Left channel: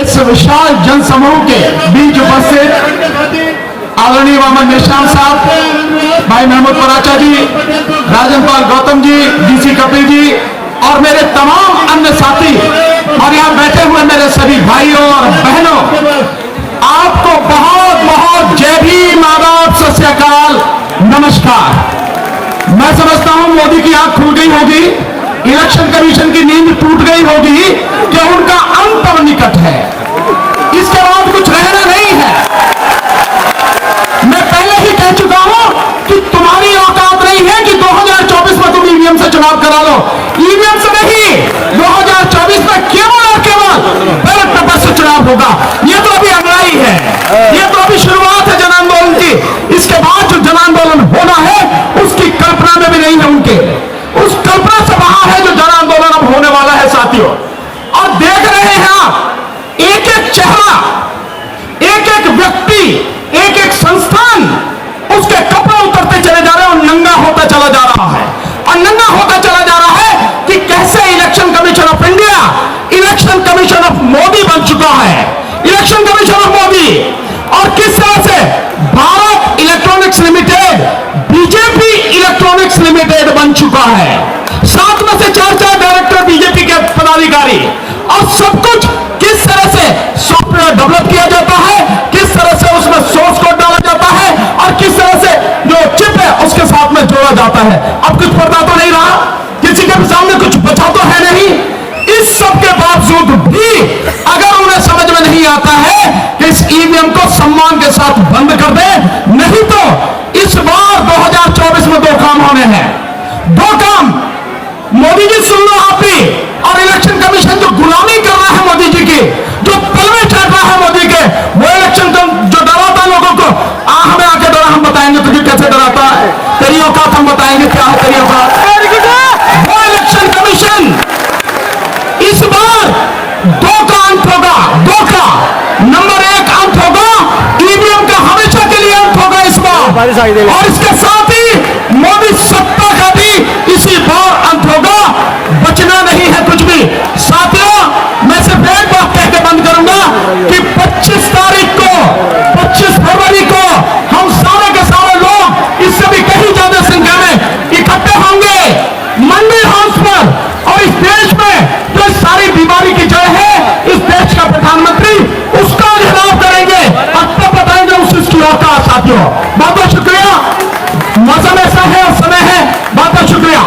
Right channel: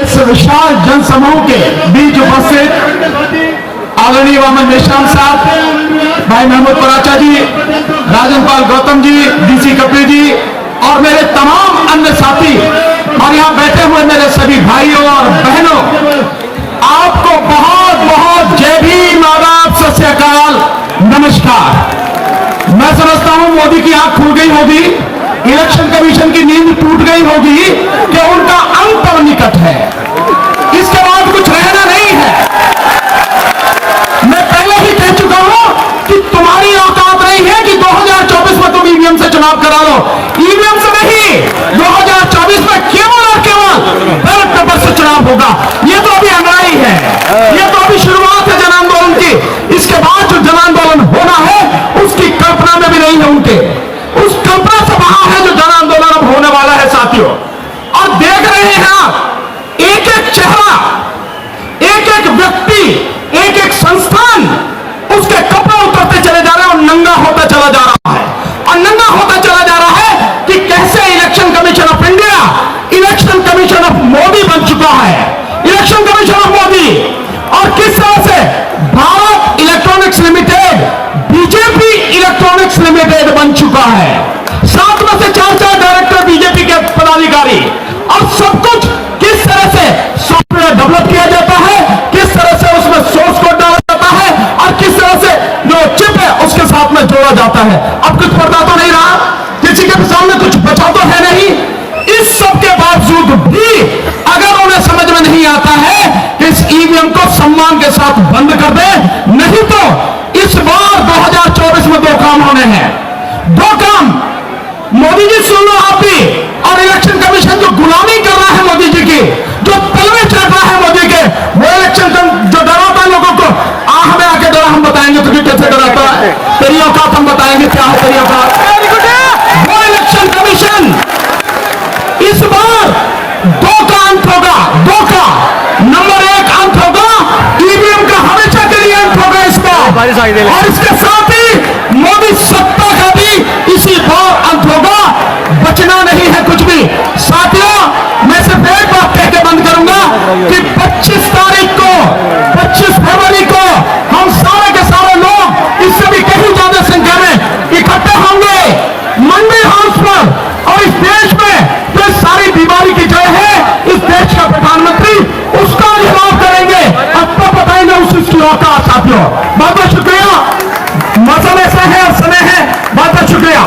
इस विशाल जनसमूह के बीच उपस्थित आदरणीय वामन मेश्राम साहब, भाई महमूद पराचा जी, राजन पाल गौतम जी, डीसी कपिल जी और मेरे तमाम अन्य साथी और यहाँ बैठे हुए मेरे सभी भाइयों और बहनों, आपको बहुत बहुत जय भीम, आदाब, सत श्री अकाल, नमस्कार। मैं समझता हूं मोदी की आंख खुल गई होगी, इलेक्शन कमीशन की नींद टूट गई होगी कि उनका अंत अब निकट है, इसके बाद कुछ रहना नहीं है। मैं पहले ही कह चुका हूं कि तुम्हारी औकात नहीं है कि 2024 में तुम ईवीएम से चुनाव करा लो। ईवीएम से नहीं, 2024 में केवल और केवल बैलेट पेपर से चुनाव होगा। ये तो अभी अंगाई है, ये तो अभी शुरुआत है जन आंदोलन की। इसके बाद जो जन आंदोलन होना है उसकी कल्पना में भी नहीं है उनके, उस कल्पना से वहां है जो जन आंदोलन अब होने वाला है साथियों। और देख रहे हैं आप, एक एक चेहरा, एक एक व्यक्ति, एक एक संस्थान, उसके कपड़े उतरते चले जा रहे हैं और नंगा होता चला जा रहा है। और नंगा होता चला जा रहा है कि कैसे election commission of India election commission of Modi बन चुका है, इलेक्शन कमीशन ऑफ मोदी। और किस तरह से Bharat electronics limited BJP electronics limited बन चुका है। 7 में से 4 डायरेक्टर बीजेपी के पदाधिकारी। और सब कुछ किस तरह से सॉफ्टवेयर डेवलप किया जाता है, किस तरह से उसमें सोर्स कोड डाला जाता है और किस तरह से जो चिप है उसके साथ में जोड़ा जाता है। अब कुछ पर्दा तो नहीं रहा, किसी के सामने कुछ बचा तो है नहीं। इस सब के बावजूद भी अगर उन्हें समझ में नहीं आता है कि इस ईवीएम को सम्मान के साथ बंद कर दे, नहीं तो इस बार 2024 में 2 काम होने हैं। 2 काम, मोदी जी सुन लो आप भी, और इलेक्शन कमीशन जो गुलामी कर रहा है मोदी जी की, जो तलवे चढ़ रहा है मोदी के, वो इलेक्शन जो डराता है लोगों को, हमें आके डरा, हम बताएंगे तुझे कैसे डराता है, तेरी औकात हम बताएंगे क्या है तेरी औकात। वो इलेक्शन कमीशन इस बार 2 का अंत होगा, 2 का। नंबर 1 अंत होगा ईवीएम का, हमेशा के लिए अंत होगा इस बार। और इसके साथ ही मोदी सत्ता का भी इसी बार अंत होगा, बचना नहीं है कुछ भी। साथियों, मैं सिर्फ एक बात कह के बंद करूंगा कि 25 तारीख को, 25 फरवरी को हम सारे के सारे लोग इससे भी कहीं ज्यादा संख्या में इकट्ठे होंगे मंडी हाउस पर। और इस देश में जो सारी बीमारी की जड़ है, इस देश का प्रधानमंत्री उसका घिराव करेंगे, अब तक बताएंगे उसकी औकात। साथियों, बहुत बहुत शुक्रिया। मौसम ऐसा है और समय है, बहुत बहुत शुक्रिया।